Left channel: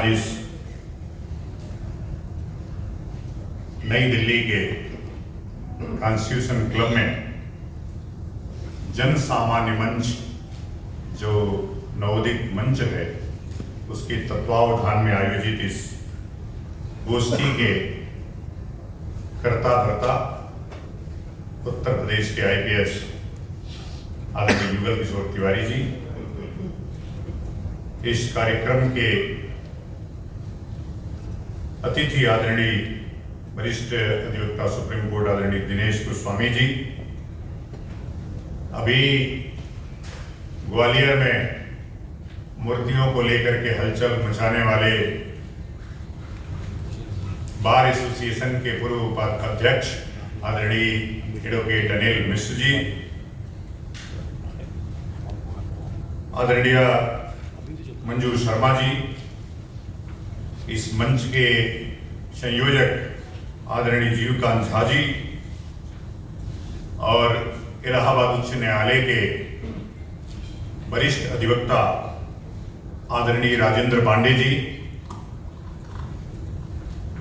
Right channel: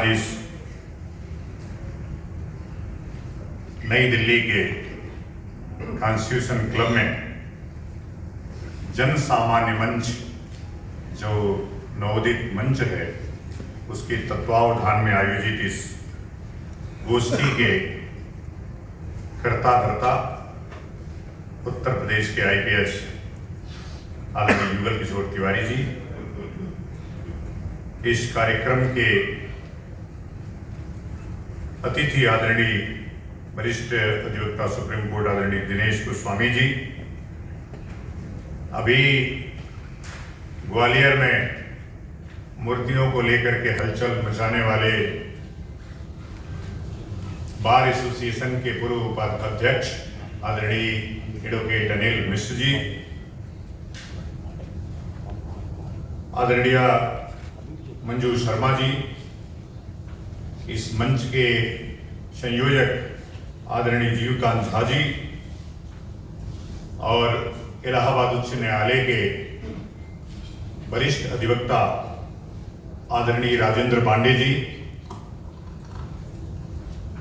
आज इस नई दिल्ली के कॉन्स्टिट्यूशन क्लब में जन सामान्य मंच जो नवोदित मंच है उसके तत्वावधान में आयोजित इस गोष्ठी के कर्ता धर्ता उत्तर प्रदेश के आईपीएस आदरणीय युगल किशोर तिवारी जी, इस कार्यक्रम के अतिथि आदरणीय वरिष्ठ अधिवक्ता सुप्रीम कोर्ट आदरणीय दिनेश गोस्वामी जी, अभी ग्वालियर में मूर्तियों को लेकर के हलचल मचाने वाले बार एसोसिएशन के पूर्व उपाध्यक्ष आदरणीय एडवोकेट अनिल मिश्र जी, आदरणीय मंजू शर्मा जी, इस मंच के संयोजक आदरणीय जीवकांत झा जी और इलाहाबाद उच्च न्यायालय के वरिष्ठ अधिवक्ता आदरणीय राजेंद्र पांडे जी,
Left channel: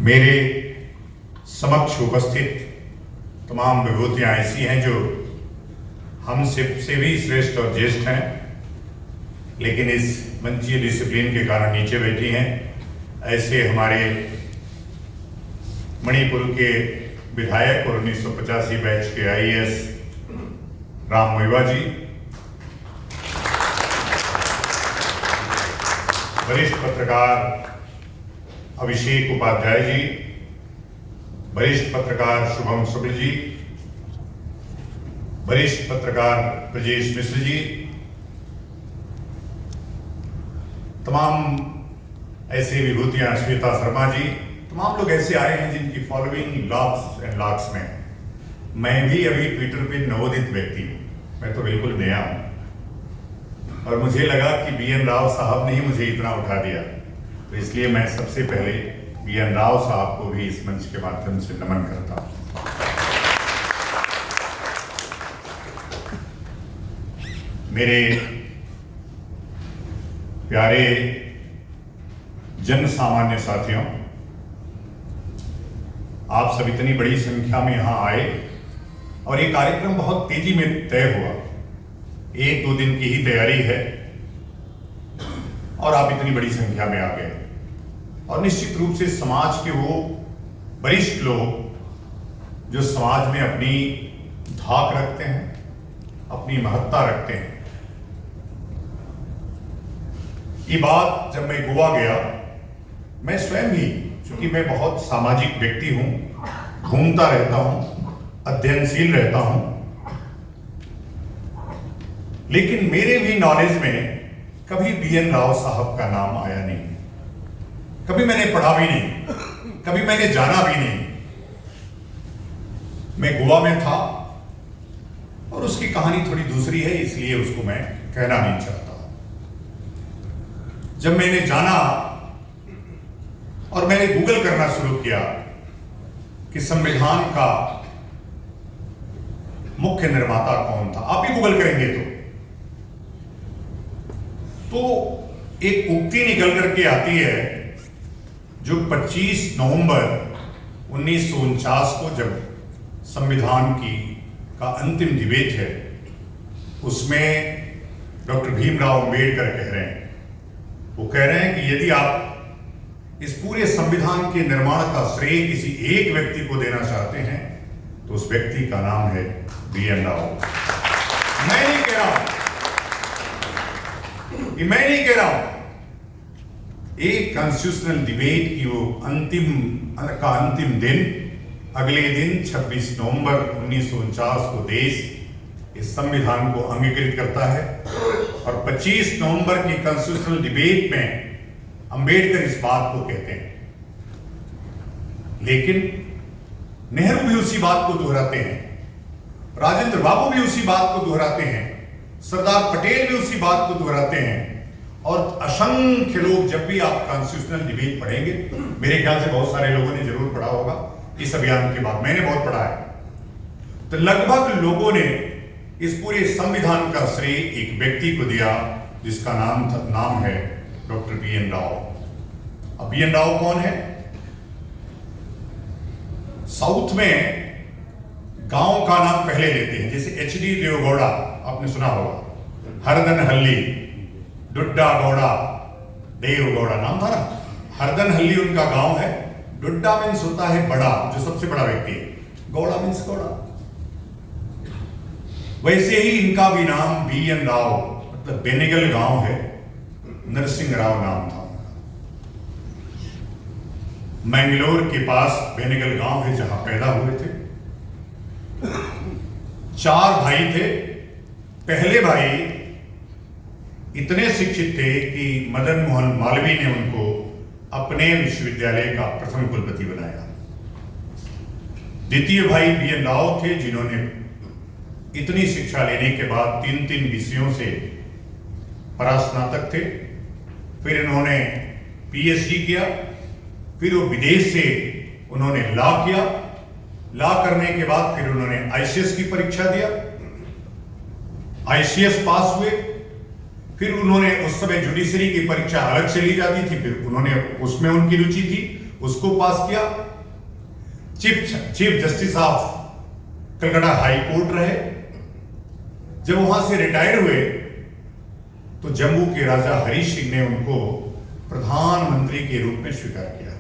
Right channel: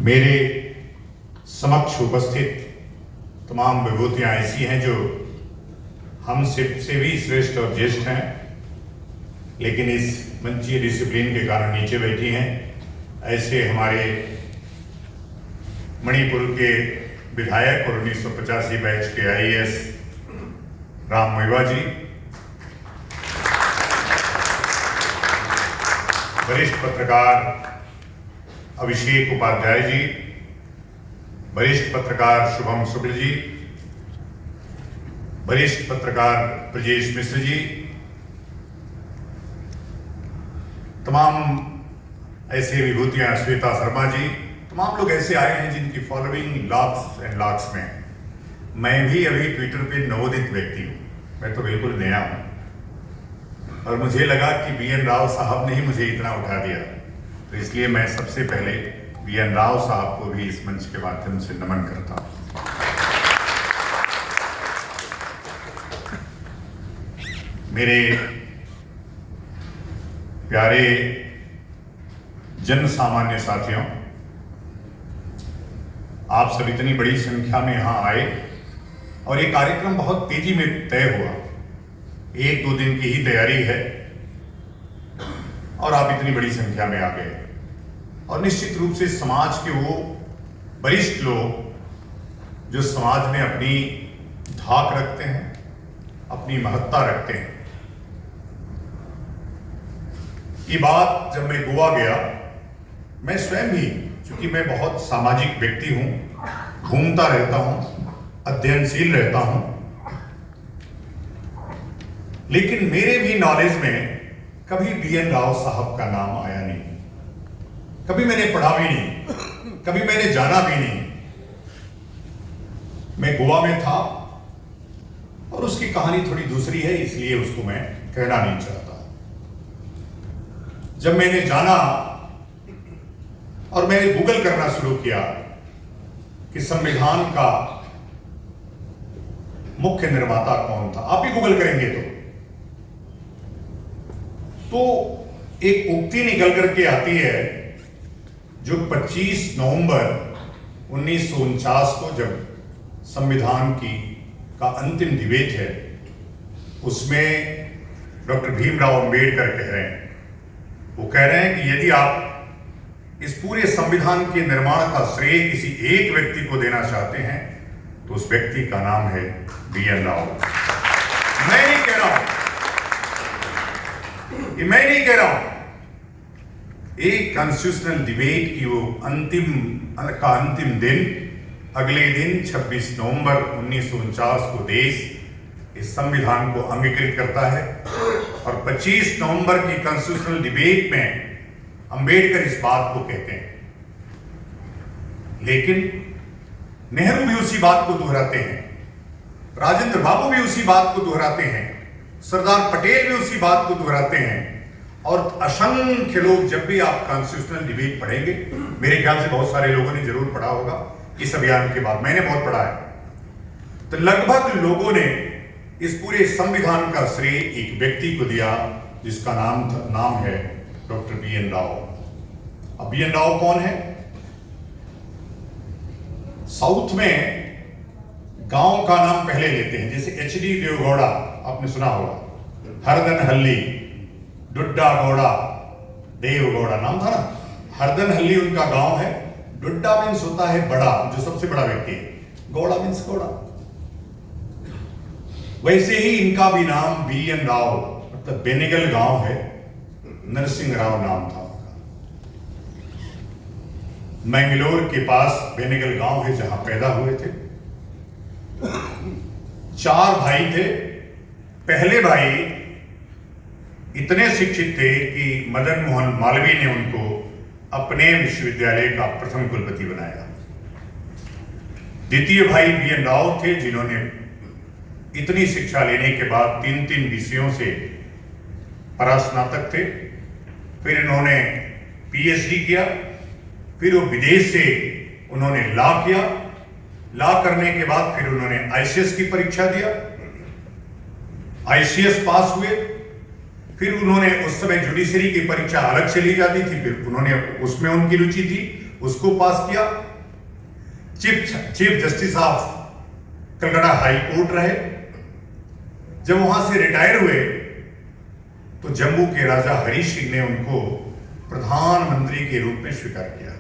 मेरे समक्ष उपस्थित तमाम विभूतियां ऐसी हैं जो हम से भी श्रेष्ठ और ज्येष्ठ हैं, लेकिन इस मंचीय डिसिप्लिन के कारण नीचे बैठी हैं। ऐसे हमारे मणिपुर के विधायक और 1985 बैच के आईएएस राम मोइवा जी, वरिष्ठ पत्रकार अभिषेक उपाध्याय जी, वरिष्ठ पत्रकार शुभम सुबिल जी, वरिष्ठ पत्रकार ब्रजेश मिश्र जी, तमाम ऐसे विभूतियां श्वेता शर्मा जी, तमाम लोग ऐसे आए हैं जिनकी फॉलोइंग लाख्स एंड लाख्स में है। मैं भी अभी ट्विटर पे नवोदित व्यक्ति हूँ, मैं तो बिल्कुल नया हूँ और मुझे लगा कि बीएन राव साहब ने ही मुझे इतना उठा दिया, तो इसलिए मैं सबसे पहले बीएन राव साहब को भी इस मंच के माध्यम से नमन करता हूँ। मेरे प्यारे जन सामान्य साथियों, आप सब इतनी बड़ी संख्या में यहां आए और ये कार्यक्रम बहुत तेजी में तय हुआ, 1-2 दिन की ही तैयारी है और आप इतनी बड़ी संख्या में आ गए। और निश्चित रूप से समाज के वो वरिष्ठ लोग जो समाज में अपनी धाक रखते हैं, अपनी महत्ता रखते हैं। ये बात जब मैं गोवा गया, मैं स्वयं भी, क्योंकि मैं बहुत सामाजिक व्यक्ति हूं, घूमता रहता हूं, अध्ययनशील रहता हूं, लेकिन मेरे भी नॉलेज में कभी बीएन राव साहब का नाम आया नहीं, कभी मैंने पढ़ा भी नहीं, कभी मैंने जाना भी नहीं। मैं गोवा में था और उसकी कहानी थोड़ी दूसरी है, इसलिए उसको मैं कहना नहीं चाहता। जब मैंने जाना और मैंने गूगल करना शुरू किया कि संविधान का मुख्य निर्माता कौन था, आप भी गूगल करेंगे तो एक उक्ति निकल करके आती है जो 25 नवंबर 1949 को जब संविधान का अंतिम डिबेट है, उसमें डॉक्टर भीमराव अंबेडकर कह रहे हैं, वो कह रहे हैं कि यदि आप इस पूरे संविधान के निर्माण का श्रेय किसी एक व्यक्ति को देना चाहते हैं तो उस व्यक्ति का नाम है बीएन राव। मैं नहीं कह रहा एक कॉन्स्टिट्यूशनल डिबेट की वो अंतिम दिन, अगले दिन 26 नवंबर 1949 को देश इस संविधान को अंगीकृत करता है और 25 नवंबर की कॉन्स्टिट्यूशनल डिबेट में अंबेडकर इस बात को कहते हैं। लेकिन नेहरू भी उसी बात को दोहराते हैं, राजेंद्र बाबू भी उसी बात को दोहराते हैं, सरदार पटेल भी उसी बात को दोहराते हैं और असंख्य लोग, जब भी आप कॉन्स्टिट्यूशनल डिबेट पढ़ेंगे, मेरे ख्याल से बहुत सारे लोगों ने जरूर पढ़ा होगा इस अभियान के बाद, मैंने बहुत पढ़ा है, तो लगभग लोगों ने इस पूरे संविधान का श्रेय एक व्यक्ति को दिया जिसका नाम है डॉक्टर बीएन राव। अब BN राव कौन है? साउथ में गांव का नाम पहले लेते हैं, जैसे HD देवगौड़ा आपने सुना होगा, हरदनहल्ली, डुड्डा गौड़ा, देवगौड़ा नाम था ना। हरदनहल्ली उनका गांव है। डुड्डा मीन्स होता है बड़ा, जो सबसे बड़ा व्यक्ति है, गौड़ा मीन्स गौड़ा। वैसे ही इनका भी नाम BN राव मतलब बेनेगल गांव है, नरसिंह राव नाम था उनका। मैंगलोर के पास बेनेगल गांव है जहां पैदा हुए थे। 4 भाई थे। पहले भाई इतने शिक्षित थे कि मदन मोहन मालवीय ने उनको अपने विश्वविद्यालय का प्रथम कुलपति बनाया। द्वितीय भाई BN राव थे, जिन्होंने इतनी शिक्षा लेने के बाद 3 विषयों से परास्नातक थे। फिर इन्होंने PhD किया। फिर वो विदेश से उन्होंने लॉ किया। लॉ करने के बाद फिर उन्होंने ICS की परीक्षा दिया। ICS पास हुए। फिर उन्होंने, उस समय जुडिशरी की परीक्षा अलग चली जाती थी, फिर उन्होंने, उसमें उनकी रुचि थी, उसको पास किया। Chief justice of Calcutta high court रहे। जब वहां से रिटायर हुए तो जम्मू के राजा हरीश सिंह ने उनको प्रधानमंत्री के रूप में स्वीकार किया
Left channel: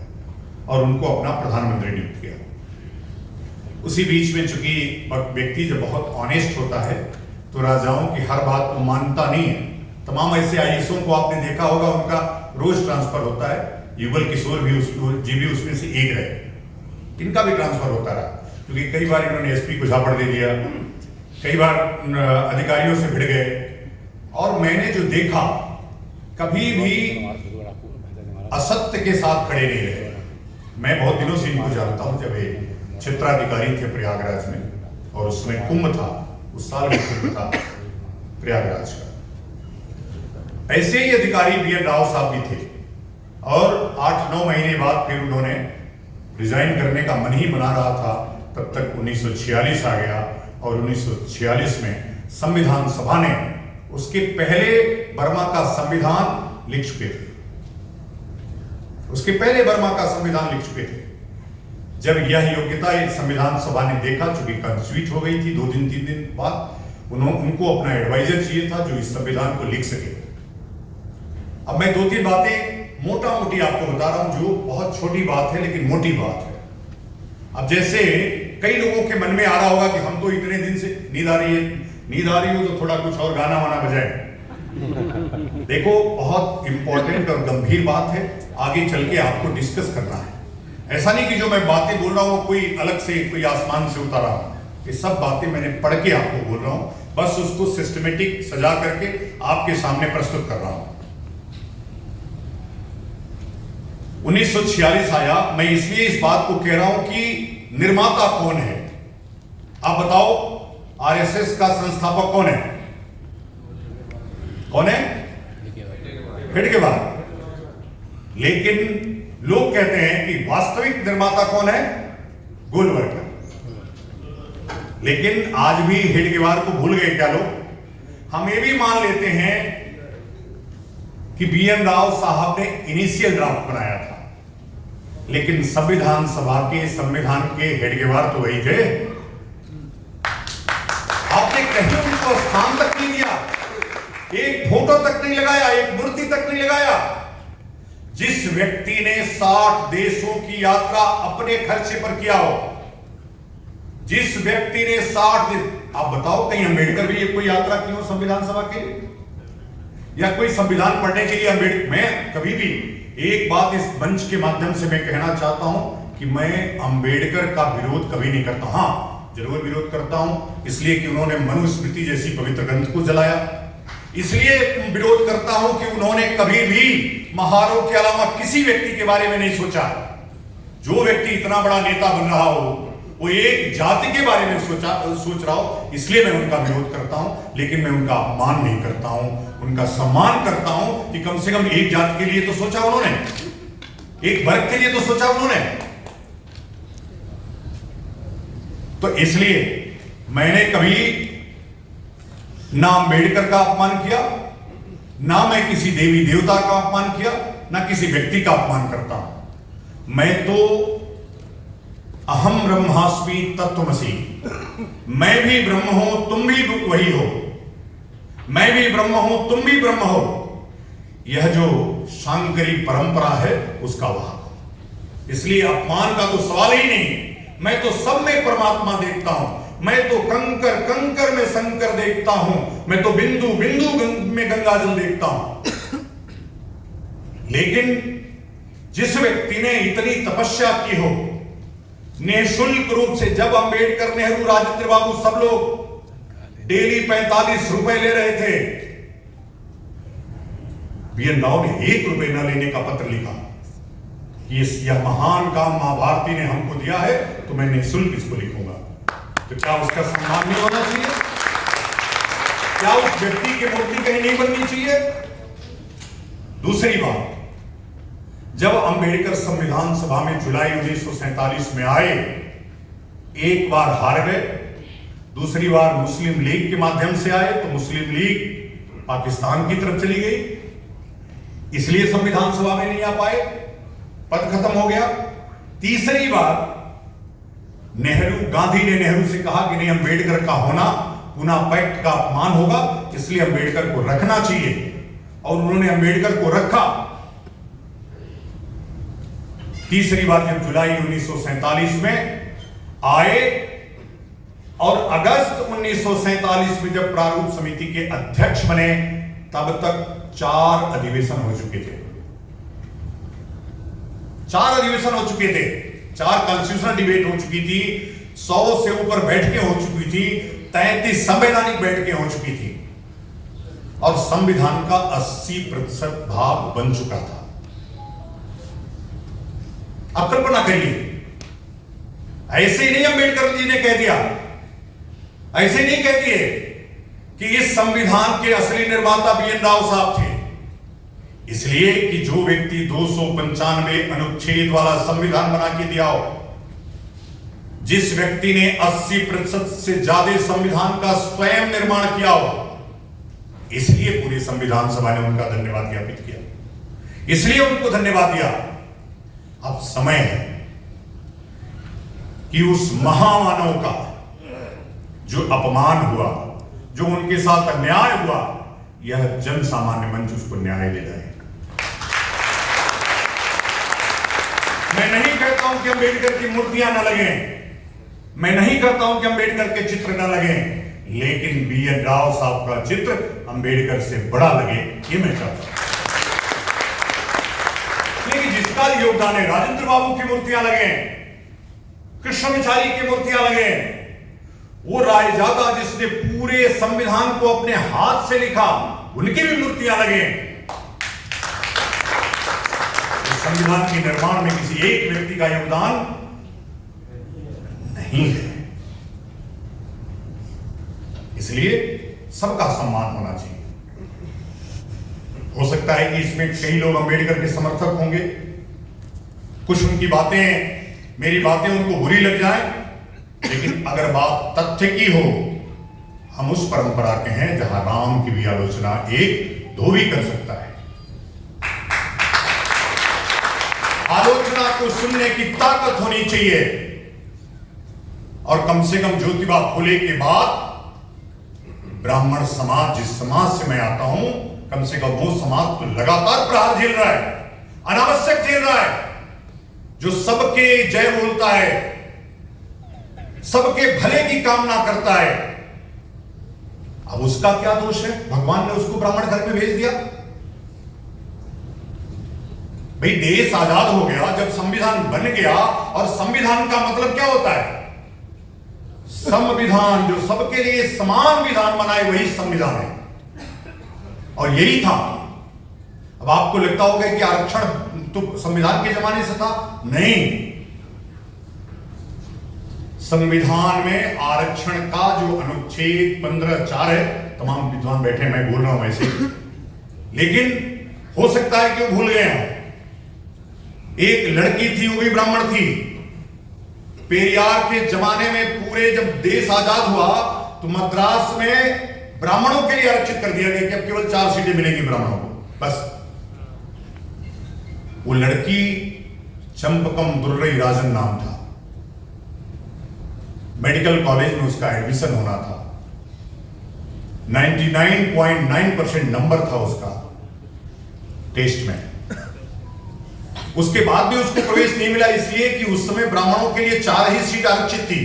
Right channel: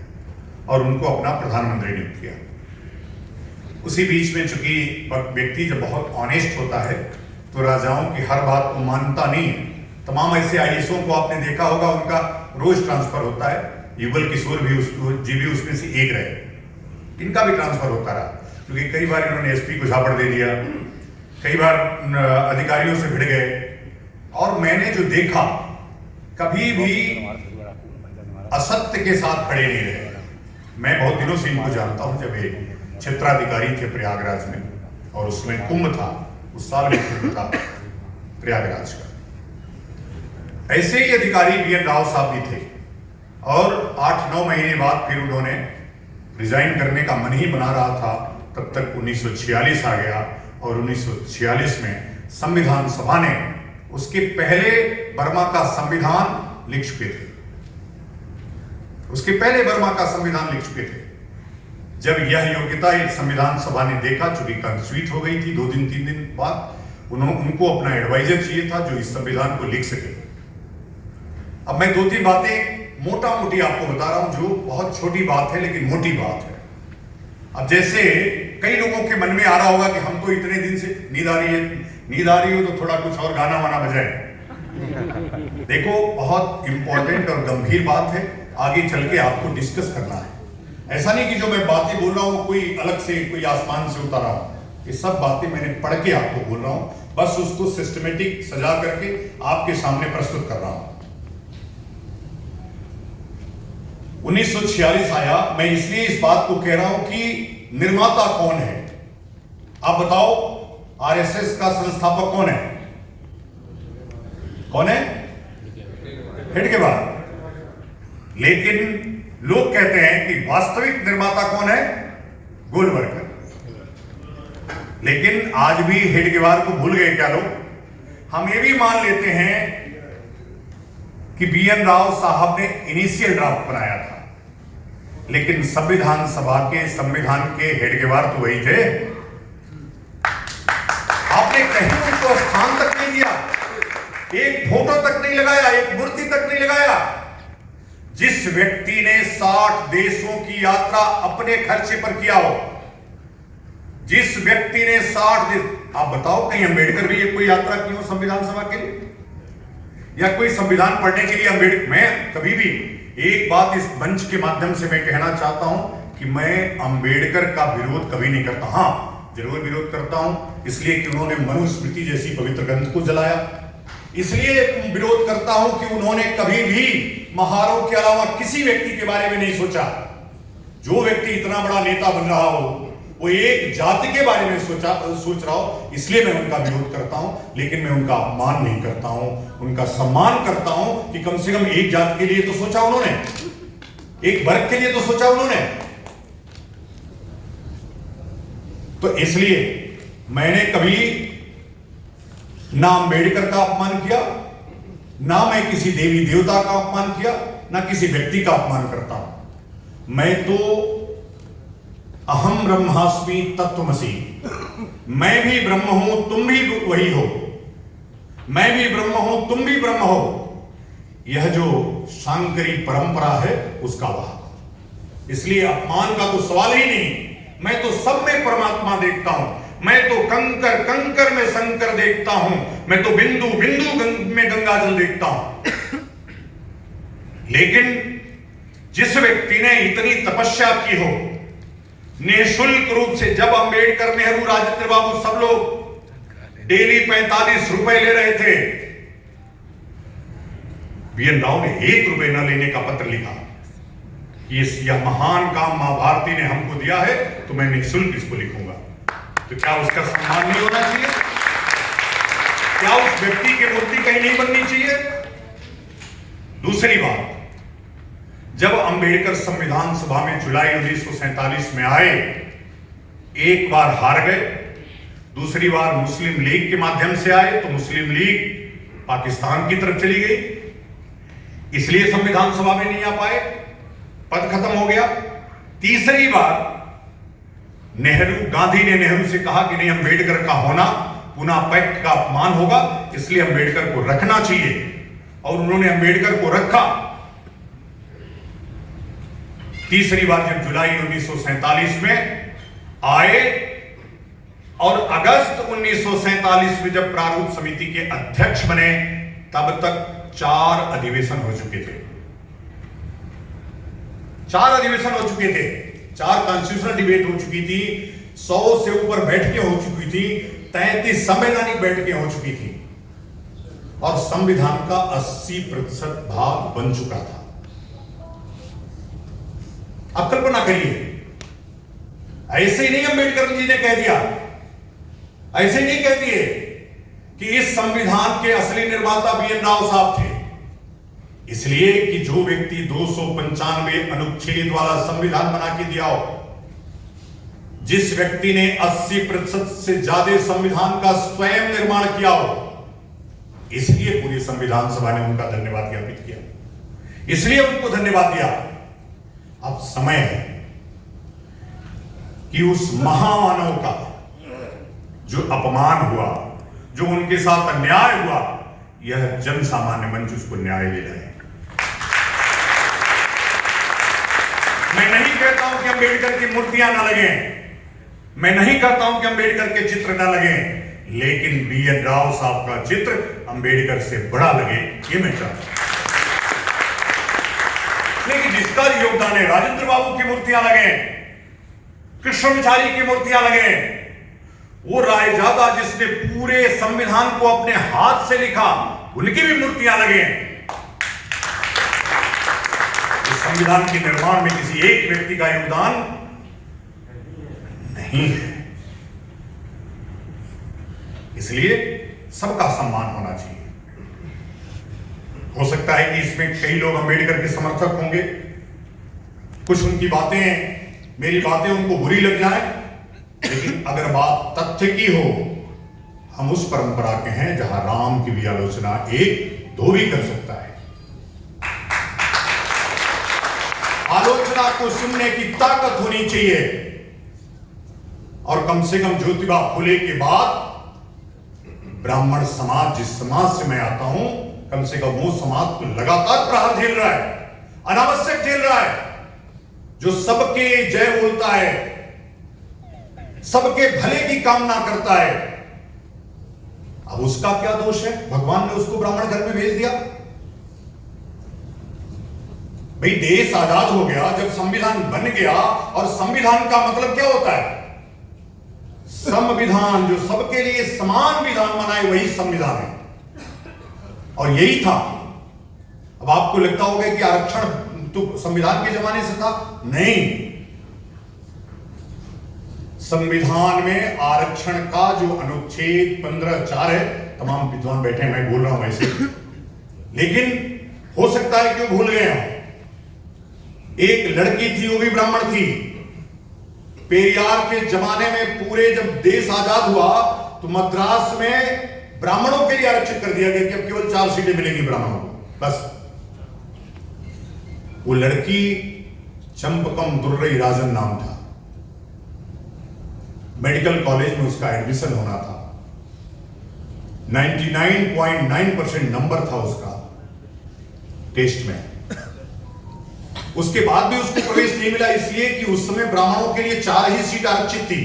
और उनको अपना प्रधानमंत्री नियुक्त किया। उसी बीच में चूंकि व्यक्ति जब बहुत ऑनेस्ट होता है तो राजाओं की हर बात को मानता नहीं है। तमाम ऐसे IASओं को आपने देखा होगा, उनका रोज ट्रांसफर होता है। युगल किशोर भी उसमें से एक रहे। इनका भी ट्रांसफर होता रहा, क्योंकि कई बार इन्होंने SP को झापड़ दे दिया, कई बार अधिकारियों से भिड़ गए। और मैंने जो देखा, कभी भी असत्य के साथ खड़े नहीं रहे। मैं बहुत दिनों से इनको जानता हूं। जब एक क्षेत्राधिकारी थे प्रयागराज में, और उसमें कुंभ था, उस साल में कुंभ था प्रयागराज का। ऐसे ही अधिकारी BN राव साहब भी थे। और 8-9 महीने बाद फिर उन्होंने रिजाइन करने का मन ही बना रहा था, तब तक 1946 आ गया। और 1946 में संविधान सभा ने उसके पहले बर्मा का संविधान लिख चुके थे। उसके पहले बर्मा का संविधान लिख चुके थे। जब यह योग्यता संविधान सभा ने देखा, चूंकि कंस्टिट्यूट हो गई थी 2 दिन 3 दिन बाद, उनको अपना एडवाइजर चाहिए था जो इस संविधान को लिख सके। अब मैं 2-3 बातें मोटा मोटी आपको बता रहा हूं, जो बहुत छोटी बात है लेकिन मोटी बात है। अब जैसे कई लोगों के मन में आ रहा होगा कि हम तो इतने दिन से नींद आ रही हो तो थोड़ा कुछ और गाना वाना बजाए। देखो, बहुत इंपॉर्टेंट और गंभीर बात है, आगे चल के आपको डिस्कस करना है। ऐसा नहीं कि जो मैं बातें बोल रहा हूं कोई अलग से, कोई आसमान से उतारा। ये सब बातें मैंने पढ़ के आपको बोल रहा हूं, बस उसको सिस्टमेटिक सजा करके आपके सामने प्रस्तुत कर रहा हूं। 1946 आया। मैं इसलिए इस बात को कह रहा हूं कि निर्माता कौन है? आप बताओ, RSS का संस्थापक कौन है? कौन है? हेडगेवार। लेकिन लोग कहते हैं कि वास्तविक निर्माता कौन है? गोलवलकर। लेकिन आज भी हेडगेवार को भूल गए क्या लोग? हम ये भी मान लेते हैं कि BN राव साहब ने इनिशियल ड्राफ्ट बनाया था, लेकिन संविधान सभा के संविधान के हेडगेवार तो वही थे। आपने कहीं उनको स्थान तक नहीं दिया, एक फोटो तक नहीं लगाया, एक मूर्ति तक नहीं लगाया। जिस व्यक्ति ने 60 देशों की यात्रा अपने खर्चे पर किया हो, जिस व्यक्ति ने 60 देश, आप बताओ कहीं अंबेडकर भी ये कोई यात्रा की हो संविधान सभा के लिए, या कोई संविधान पढ़ने के लिए अंबेडकर? मैं कभी भी एक बात इस मंच के माध्यम से मैं कहना चाहता हूं कि मैं अंबेडकर का विरोध कभी नहीं करता। हां, जरूर विरोध करता हूं इसलिए कि उन्होंने मनुस्मृति जैसी पवित्र ग्रंथ को जलाया। इसलिए विरोध करता हूं कि उन्होंने कभी भी महारों के अलावा किसी व्यक्ति के बारे में नहीं सोचा। जो व्यक्ति इतना बड़ा नेता बन रहा हो वो एक जाति के बारे में सोच रहा हो, इसलिए मैं उनका विरोध करता हूं। लेकिन मैं उनका अपमान नहीं करता हूं, उनका सम्मान करता हूं कि कम से कम एक जाति के लिए तो सोचा उन्होंने, एक वर्ग के लिए तो सोचा उन्होंने। तो इसलिए मैंने कभी ना अंबेडकर का अपमान किया, ना मैं किसी देवी देवता का अपमान किया, ना किसी व्यक्ति का अपमान करता हूं। मैं तो अहम ब्रह्मास्मि तत्त्वमसि, मैं भी ब्रह्म हूं, तुम भी वही हो, मैं भी ब्रह्म हूं, तुम भी ब्रह्म हो। यह जो शांकरी परंपरा है उसका वाहक। इसलिए अपमान का तो सवाल ही नहीं। मैं तो सब में परमात्मा देखता हूं, मैं तो कंकर कंकर में शंकर देखता हूं, मैं तो बिंदु बिंदु में गंगा जल देखता हूं। लेकिन जिस व्यक्ति ने इतनी तपस्या की हो, निःशुल्क रूप से, जब अंबेडकर, नेहरू, राजेंद्र बाबू सब लोग डेली 45 रुपए ले रहे थे, बीएन राव ने 1 रुपए न लेने का पत्र लिखा। यह महान काम मां भारती ने हमको दिया है, तो मैं निःशुल्क इसको लिखूंगा। तो क्या उसका सम्मान नहीं होना चाहिए? क्या उस व्यक्ति की मूर्ति कहीं नहीं बननी चाहिए? दूसरी बात, जब अंबेडकर संविधान सभा में जुलाई 1947 में आए, एक बार हार गए, दूसरी बार मुस्लिम लीग के माध्यम से आए, तो मुस्लिम लीग पाकिस्तान की तरफ चली गई, इसलिए संविधान सभा में नहीं आ पाए, पद खत्म हो गया। तीसरी बार गांधी ने नेहरू से कहा कि नहीं, अंबेडकर का होना पुनः पैक्ट का अपमान होगा, इसलिए अंबेडकर को रखना चाहिए, और उन्होंने अंबेडकर को रखा। तीसरी बार जब जुलाई 1947 में आए और अगस्त 1947 में जब प्रारूप समिति के अध्यक्ष बने, तब तक 4 अधिवेशन हो चुके थे। 4 अधिवेशन हो चुके थे, 4 कॉन्स्टिट्यूशनल डिबेट हो चुकी थी, 100 से ऊपर बैठकें हो चुकी थी, 33 संवैधानिक बैठकें हो चुकी थी, और संविधान का 80% भाग बन चुका था। अब कल्पना करिए, ऐसे ही नहीं अम्बेडकर जी ने कह दिया, ऐसे नहीं कह दिए कि इस संविधान के असली निर्माता बीएन राव साहब थे, इसलिए कि जो व्यक्ति 295 अनुच्छेद वाला संविधान बना के दिया हो, जिस व्यक्ति ने 80% से ज्यादा संविधान का स्वयं निर्माण किया हो, इसलिए पूरी संविधान सभा ने उनका धन्यवाद ज्ञापित किया, इसलिए उनको धन्यवाद दिया। अब समय है कि उस महामानव का जो अपमान हुआ, जो उनके साथ अन्याय हुआ, यह जन सामान्य मंच उसको न्याय दे जाए। मैं नहीं कहता हूं कि अंबेडकर की मूर्तियां न लगे, मैं नहीं कहता हूं कि अंबेडकर के चित्र न लगे, लेकिन बीएन राव साहब का चित्र अंबेडकर से बड़ा लगे, ये मैं चाहता हूं। लेकिन जिसका योगदान है, राजेंद्र बाबू की मूर्तियां लगे, कृष्णचारी की मूर्तियां लगे, वो रायजादा जिसने पूरे संविधान को अपने हाथ से लिखा, उनकी भी मूर्तियां लगे। इस संविधान के निर्माण में किसी एक व्यक्ति का योगदान नहीं है, इसलिए सबका सम्मान होना चाहिए। हो सकता है कि इसमें कई लोग अंबेडकर के समर्थक होंगे, कुछ उनकी बातें, मेरी बातें उनको बुरी लग जाए, लेकिन अगर बात तथ्य की हो, हम उस परंपरा के हैं जहां राम की भी आलोचना 1-2 भी कर सकता है। आलोचना को सुनने की ताकत होनी चाहिए, और कम से कम ज्योतिबा फुले के बाद ब्राह्मण समाज, जिस समाज से मैं आता हूं, कम से कम वो समाज तो लगातार प्रहार झेल रहा है, अनावश्यक झेल रहा है, जो सबके जय बोलता है, सबके भले की कामना करता है। अब उसका क्या दोष है? भगवान ने उसको ब्राह्मण घर में भेज दिया। भाई देश आजाद हो गया, जब संविधान बन गया, और संविधान का मतलब क्या होता है? संविधान, जो सबके लिए समान विधान बनाए, वही संविधान है, और यही था। अब आपको लगता होगा कि आरक्षण तो संविधान के जमाने से था, नहीं। संविधान में आरक्षण का जो अनुच्छेद 15(4) है, तमाम विद्वान बैठे हैं, मैं बोल रहा हूं ऐसे, लेकिन हो सकता है कि वो भूल गए हैं। एक लड़की थी, वो भी ब्राह्मण थी। पेरियार के जमाने में पूरे जब देश आजाद हुआ, तो मद्रास में ब्राह्मणों के लिए आरक्षित कर दिया गया कि अब केवल 4 सीटें मिलेंगी ब्राह्मणों को, बस। वो लड़की चंपकम दुर्रई राजन नाम था, मेडिकल कॉलेज में उसका एडमिशन होना था, 99.9% नंबर था उसका टेस्ट में। उसके बाद भी उसको प्रवेश नहीं मिला, इसलिए कि उस समय ब्राह्मणों के लिए 4 ही सीट आरक्षित थी।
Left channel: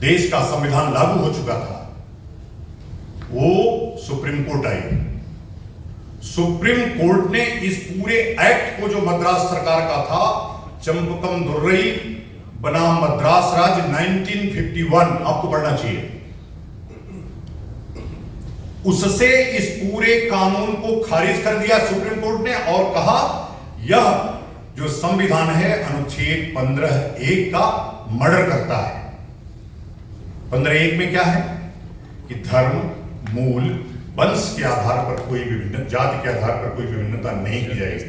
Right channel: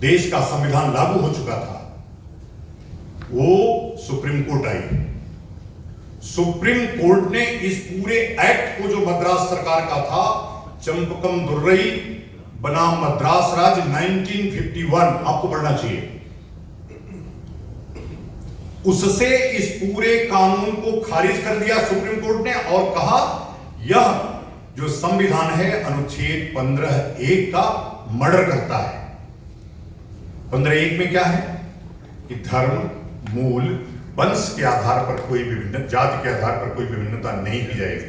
देश का संविधान लागू हो चुका था, वो सुप्रीम कोर्ट आई। सुप्रीम कोर्ट ने इस पूरे एक्ट को, जो मद्रास सरकार का था, चंपकम दुर्रई बनाम मद्रास राज्य 1951, आपको पढ़ना चाहिए, उससे इस पूरे कानून को खारिज कर दिया सुप्रीम कोर्ट ने और कहा यह जो संविधान है अनुच्छेद 15(1) का मर्डर करता है। 15(1) में क्या है कि धर्म, मूल, वंश के आधार पर कोई भी भिन्नता, जाति के आधार पर कोई भी भिन्नता नहीं की जाएगी।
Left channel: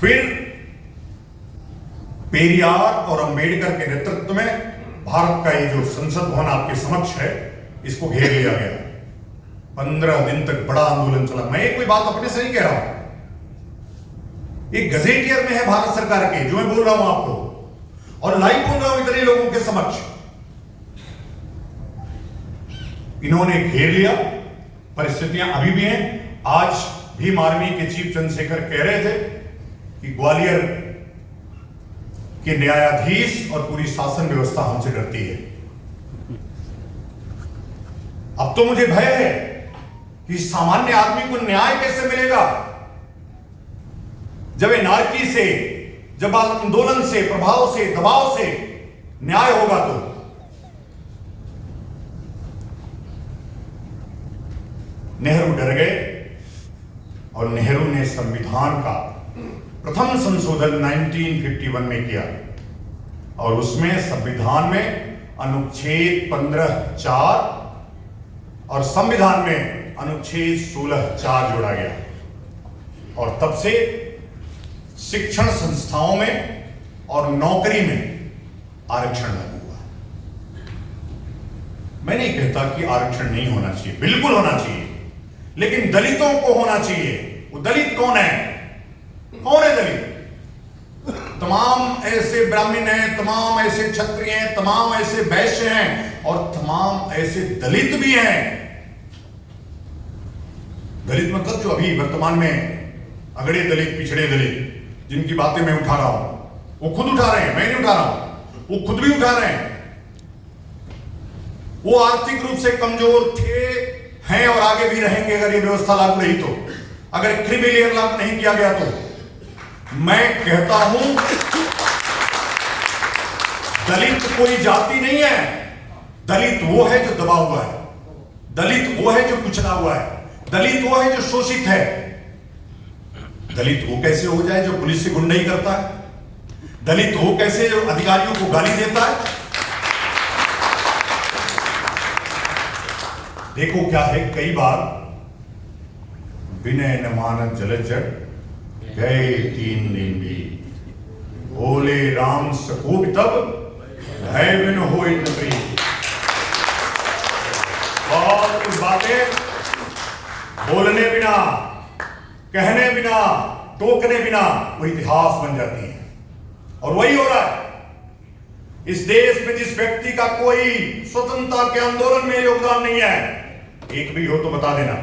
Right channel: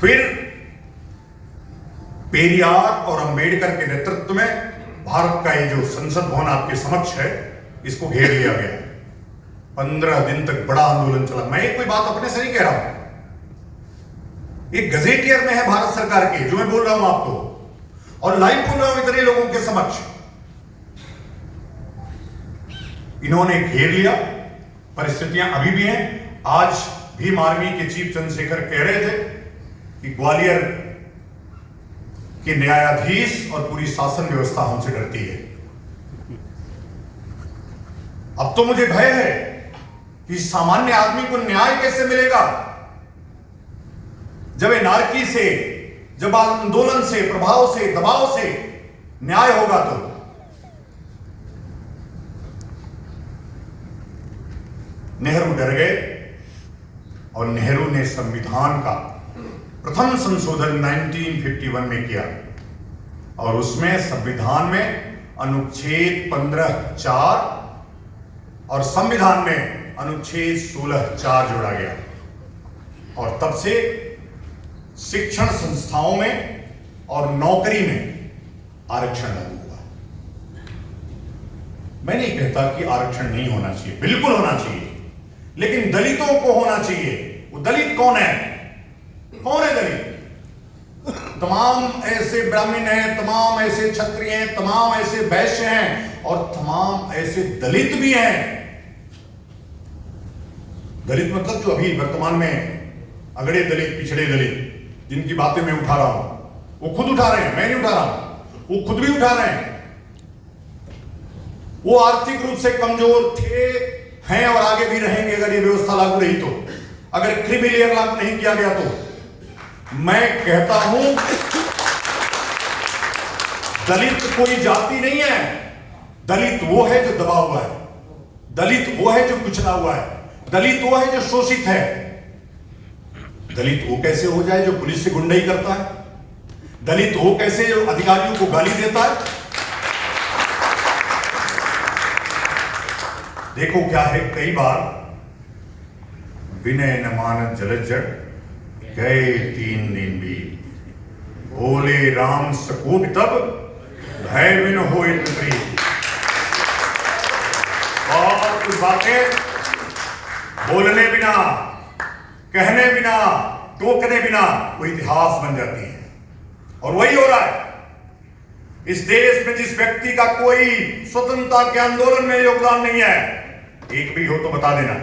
फिर पेरियार और अंबेडकर के नेतृत्व में भारत का ये जो संसद भवन आपके समक्ष है, इसको घेर लिया गया। 15 दिन तक बड़ा आंदोलन चला। मैं कोई बात अपने से नहीं कह रहा हूं, ये गजेटियर में है भारत सरकार के, जो मैं बोल रहा हूं आपको, और लाइव बोल रहा हूं इतने लोगों के समक्ष। इन्होंने घेर लिया। परिस्थितियां अभी भी हैं। आज भीम आर्मी के चीफ चंद्रशेखर कह रहे थे कि ग्वालियर के न्यायाधीश और पूरी शासन व्यवस्था हमसे डरती है। अब तो मुझे भय है कि सामान्य आदमी को न्याय कैसे मिलेगा, जब एनार्की से, जब आंदोलन से, प्रभाव से, दबाव से न्याय होगा। तो नेहरू डर गए और नेहरू ने संविधान का प्रथम संशोधन 1951 में किया और उसमें संविधान में अनुच्छेद 15(4) और संविधान में अनुच्छेद 16(4) जोड़ा गया और तब से शिक्षण संस्थाओं में और नौकरी में आरक्षण लागू हुआ। मैं नहीं कहता कि आरक्षण नहीं होना चाहिए, बिल्कुल होना चाहिए, लेकिन दलितों को होना चाहिए। वो दलित कौन है? कौन है दलित? तमाम ऐसे ब्राह्मण हैं, तमाम ऐसे क्षत्रिय हैं, तमाम ऐसे वैश्य हैं और तमाम ऐसे दलित भी हैं। दलित मतलब जो अभी वर्तमान में अगड़े दलित, पिछड़े दलित, जिनकी बातें मैं उठा रहा हूं, वो खुद उठा रहे हैं, मैं नहीं उठा रहा हूं, वो खुद भी उठा रहे हैं। वो आर्थिक रूप से कमजोर थे, हैं और आगे भी रहेंगे अगर ये व्यवस्था लागू रही तो, अगर क्रीमिलियर लागू नहीं किया गया तो। मैं कहता हूं दलित कोई जाति नहीं है, दलित वो है जो दबा हुआ है, दलित वो है जो कुचला हुआ है, दलित वो है जो शोषित है। दलित वो कैसे हो जाए जो पुलिस से गुंडाई करता है? दलित वो कैसे जो अधिकारियों को गाली देता है? देखो क्या है, कई बार विनय न मानत जलजट गए 3 दिन भी, बोले राम सकूट तब भय बिन होए नगरी। और कुछ बातें बोलने बिना, कहने बिना, टोकने बिना वो इतिहास बन जाती है और वही हो रहा है इस देश में। जिस व्यक्ति का कोई स्वतंत्रता के आंदोलन में योगदान नहीं है, एक भी हो तो बता देना,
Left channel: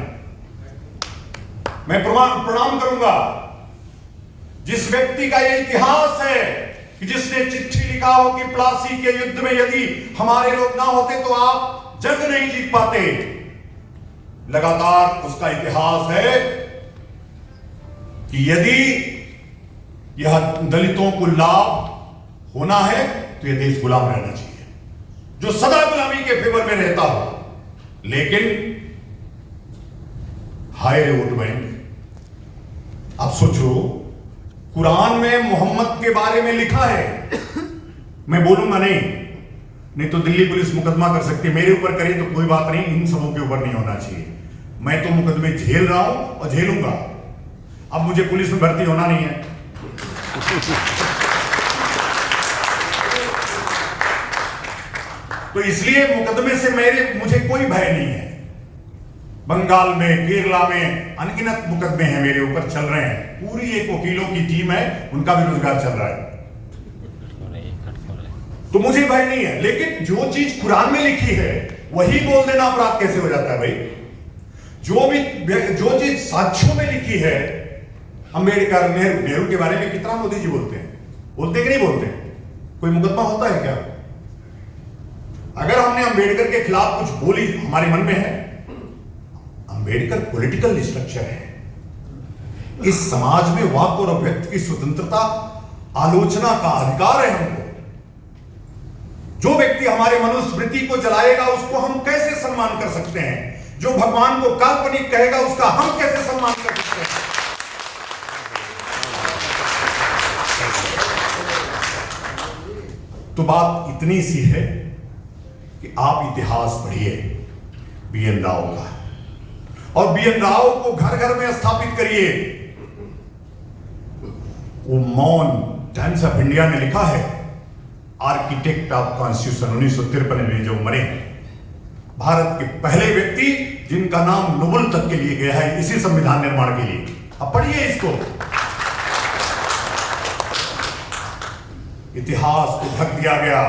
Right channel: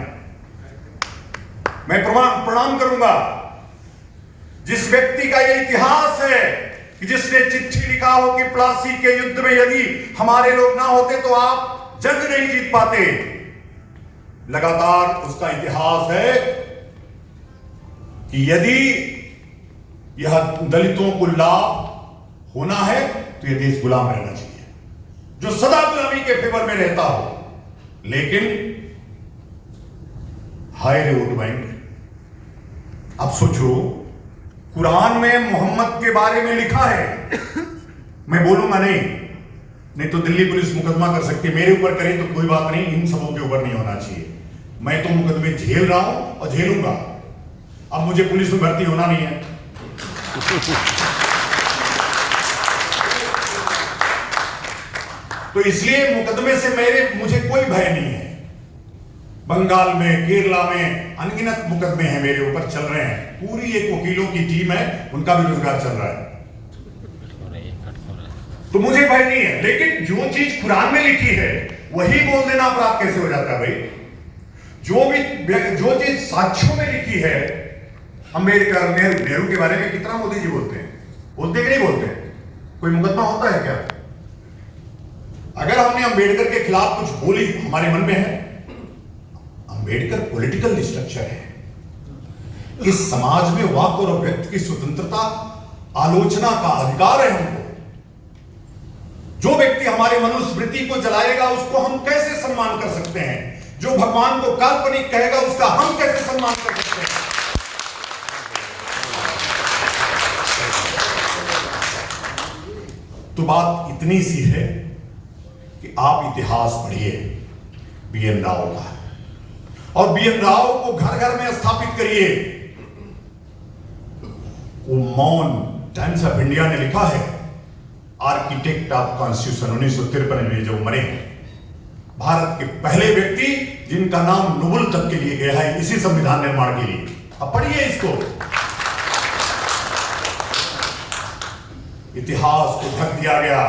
मैं प्रणाम करूंगा। जिस व्यक्ति का यह इतिहास है कि जिसने चिट्ठी लिखा हो कि प्लासी के युद्ध में यदि हमारे लोग ना होते तो आप जंग नहीं जीत पाते, लगातार उसका इतिहास है कि यदि यह दलितों को लाभ होना है तो यह देश गुलाम रहना चाहिए, जो सदा गुलामी के फेवर में रहता हो। लेकिन हाय रे वोट बैंक, अब सोचो, कुरान में मोहम्मद के बारे में लिखा है, मैं बोलूंगा नहीं तो दिल्ली पुलिस मुकदमा कर सकती है, मेरे ऊपर करे तो कोई बात नहीं, इन सबों के ऊपर नहीं होना चाहिए। मैं तो मुकदमे झेल रहा हूं और झेलूंगा। अब मुझे पुलिस में भर्ती होना नहीं है। तो इसलिए मुकदमे से मुझे कोई भय नहीं है। बंगाल में, केरला में अनगिनत मुकदमे हैं मेरे ऊपर चल रहे हैं। पूरी एक वकीलों की टीम है, उनका भी रोजगार चल रहा है, तो मुझे भय नहीं है। लेकिन जो चीज कुरान में लिखी है वही बोल देना अपराध कैसे हो जाता है भाई? जो चीज साक्ष्यों में लिखी है, अंबेडकर, नेहरू के बारे में कितना मोदी जी बोलते हैं कि नहीं बोलते हैं? कोई मुकदमा होता है क्या? अगर हमने अंबेडकर के खिलाफ कुछ बोली, हमारे मन में है, अंबेडकर पॉलिटिकल स्ट्रक्चर है। इस समाज में वाक और अभिव्यक्ति की स्वतंत्रता, आलोचना का अधिकार है हमको। जो व्यक्ति हमारे मनुस्मृति को जलाएगा उसको हम कैसे सम्मान कर सकते हैं? जो भगवान को काल्पनिक कहेगा उसका हम कैसे सम्मान कर सकते हैं? तो बात इतनी सी है कि आप इतिहास पढ़िए BN राव का, और BN राव को घर घर में स्थापित करिए। वो मौन टाइम्स ऑफ इंडिया ने लिखा है, आर्किटेक्ट ऑफ कॉन्स्टिट्यूशन 1953 में जो मरे, भारत के पहले व्यक्ति जिनका नाम नोबेल तक के लिए गया है इसी संविधान निर्माण के लिए। अब पढ़िए इसको। इतिहास को ढक दिया गया,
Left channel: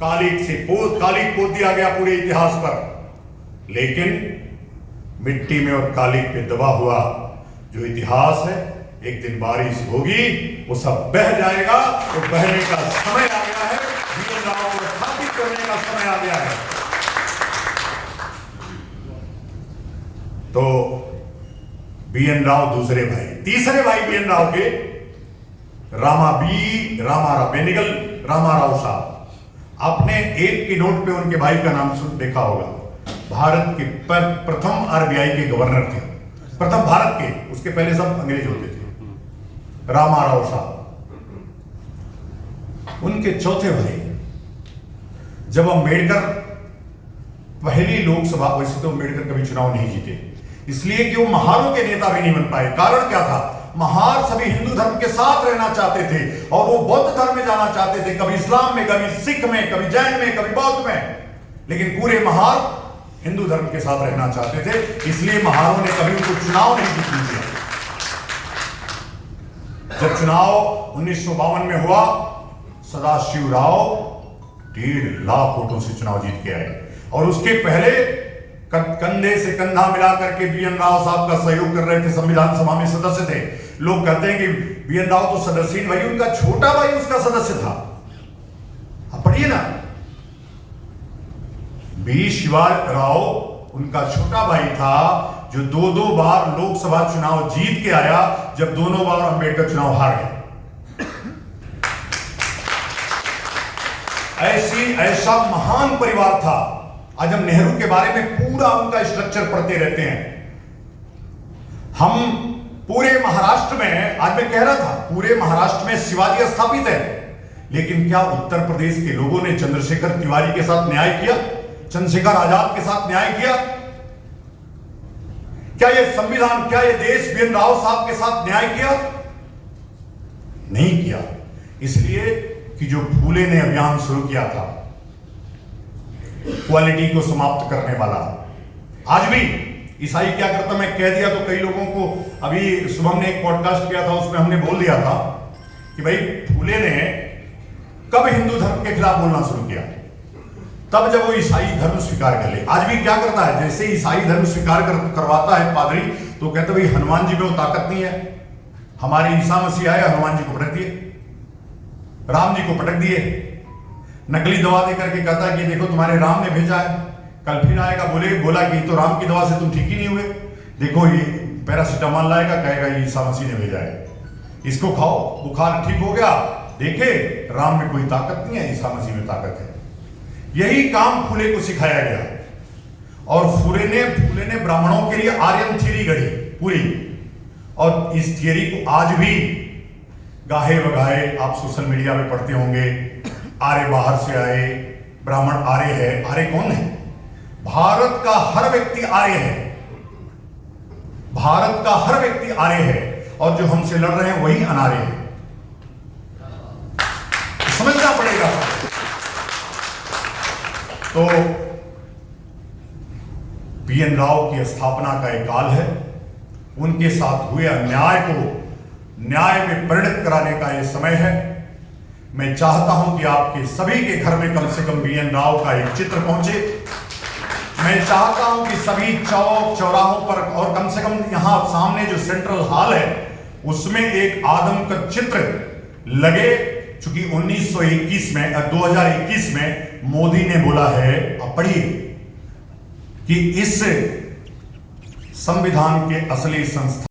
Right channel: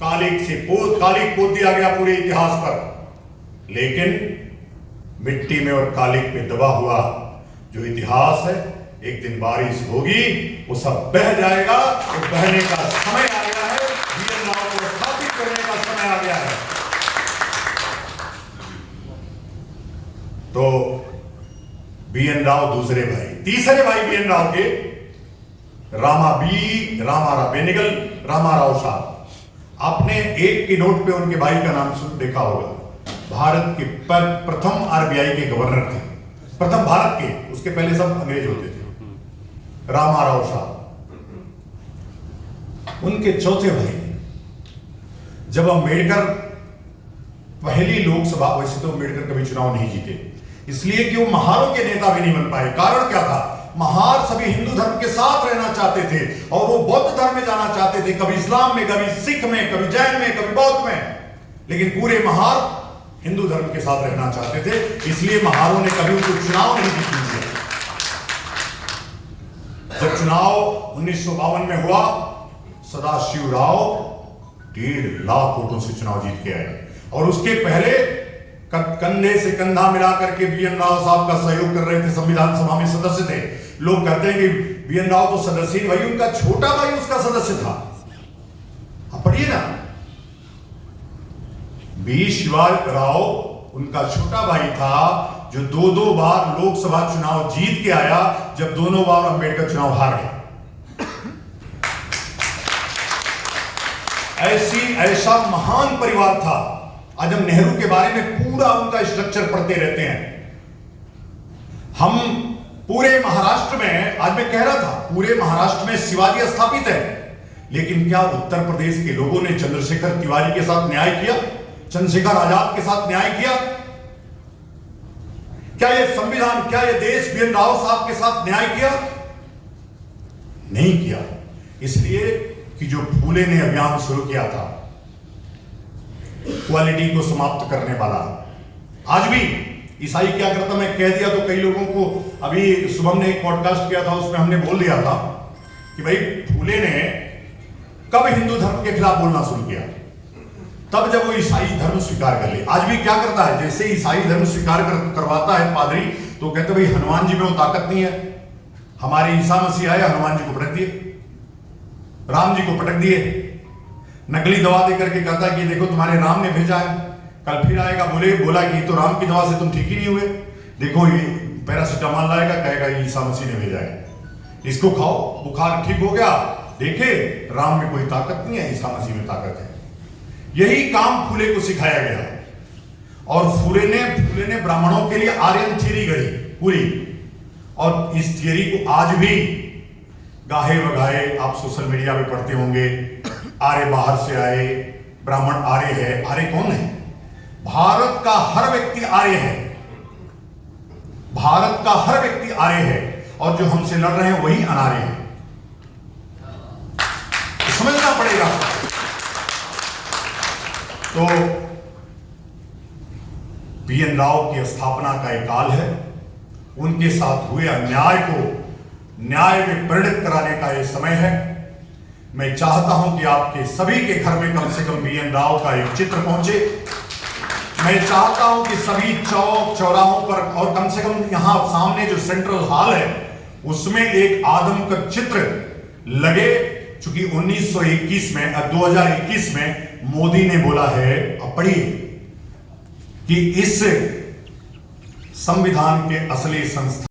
कालिक पोत दिया गया पूरे इतिहास पर, लेकिन मिट्टी में और कालिक पे दबा हुआ जो इतिहास है, एक दिन बारिश होगी वो सब बह जाएगा। तो बहने का समय आ गया है, BN राव को स्थापित करने का समय आ गया है। तो BN राव दूसरे भाई, तीसरे भाई BN राव के रामाराव साहब। आपने 1 की नोट पे उनके भाई का नाम देखा होगा। भारत के प्रथम RBI के गवर्नर थे, प्रथम भारत के, उसके पहले सब अंग्रेज होते थे। रामाराव साहब उनके चौथे भाई। जब अम्बेडकर पहली लोकसभा, वैसे तो अम्बेडकर कभी चुनाव नहीं जीते, इसलिए कि वो महारों के नेता भी नहीं बन पाए। कारण क्या था? महार सभी हिंदू धर्म के साथ रहना चाहते थे और वो बौद्ध धर्म में जाना चाहते थे, कभी इस्लाम में, कभी सिख में, कभी जैन में, कभी बौद्ध में, लेकिन पूरे महार हिंदू धर्म के साथ रहना चाहते थे। इसलिए महारों ने कभी उनको चुनाव नहीं जीत दिया। जब चुनाव 1952 में हुआ, सदाशिव राव 1.5 लाख वोटों से चुनाव जीत के आए, और उसके पहले कंधे से कंधा मिला करके BN राव साहब का सहयोग कर रहे थे, संविधान सभा में सदस्य थे। लोग कहते हैं कि BN राव तो सदस्य ही, भाई उनका छोटा भाई उसका सदस्य था। आप पढ़िए ना, B शिवाराव उनका छोटा भाई था, जो 2 बार लोकसभा चुनाव जीत के आया, जब दोनों बार अंबेडकर चुनाव हार गए। ऐसा महान परिवार था। आज हम नेहरू के बारे में पूरा उनका स्ट्रक्चर पढ़ते रहते हैं। हम पूरे महाराष्ट्र में, आज मैं कह रहा था, पूरे महाराष्ट्र में शिवाजी स्थापित है, लेकिन क्या उत्तर प्रदेश के लोगों ने चंद्रशेखर तिवारी के साथ न्याय किया? चंद्रशेखर आजाद के साथ न्याय किया? क्या ये संविधान, क्या ये देश BN राव साहब के साथ न्याय किया? नहीं किया। इसलिए कि जो फूले ने अभियान शुरू किया था, क्वालिटी को समाप्त करने वाला, आज भी ईसाई क्या करता, मैं कह दिया तो कई लोगों को, अभी शुभम ने एक पॉडकास्ट किया था, उसमें हमने बोल दिया था कि भाई फूले ने कब हिंदू धर्म के खिलाफ बोलना शुरू किया? तब जब वो ईसाई धर्म स्वीकार कर ले। आज भी क्या करता है, जैसे ईसाई धर्म स्वीकार करवाता है पादरी, तो कहते भाई हनुमान जी में वो ताकत नहीं है, हमारे ईसा मसीह आए, हनुमान जी को पटक दिए, राम जी को पटक दिए, नकली दवा देकर के कहता है कि देखो तुम्हारे राम ने भेजा है, कल फिर आएगा, बोला कि तो राम की दवा से तुम ठीक ही नहीं हुए, देखो ये पैरासिटामोल लाएगा, कहेगा ये ईसा मसीह ने भेजा है, इसको खाओ, बुखार ठीक हो गया, देखे राम में कोई ताकत नहीं है, ईसा मसीह में ताकत है। यही काम फूले को सिखाया गया, और फूले ने ब्राह्मणों के लिए आर्यन थ्योरी गढ़ी पूरी, और इस थियरी को आज भी गाहे बगाए, आप सोशल मीडिया पे पढ़ते होंगे, आर्य बाहर से आए, ब्राह्मण आर्य है। आर्य कौन है? भारत का हर व्यक्ति आर्य है, भारत का हर व्यक्ति आर्य है, और जो हमसे लड़ रहे हैं वही अनार्य है। तो समझना पड़ेगा। तो BN राव की स्थापना का एक काल है, उनके साथ हुए अन्याय को न्याय में परिणत कराने का यह समय है। मैं चाहता हूं कि आपके सभी के घर में कम से कम BN राव का एक चित्र पहुंचे। मैं चाहता हूं कि सभी चौक चौराहों पर और कम से कम यहां सामने जो सेंट्रल हॉल है उसमें एक आदम का चित्र लगे, क्योंकि 2021 में मोदी ने बोला है, पढ़िए, कि इस संविधान के असली संस्था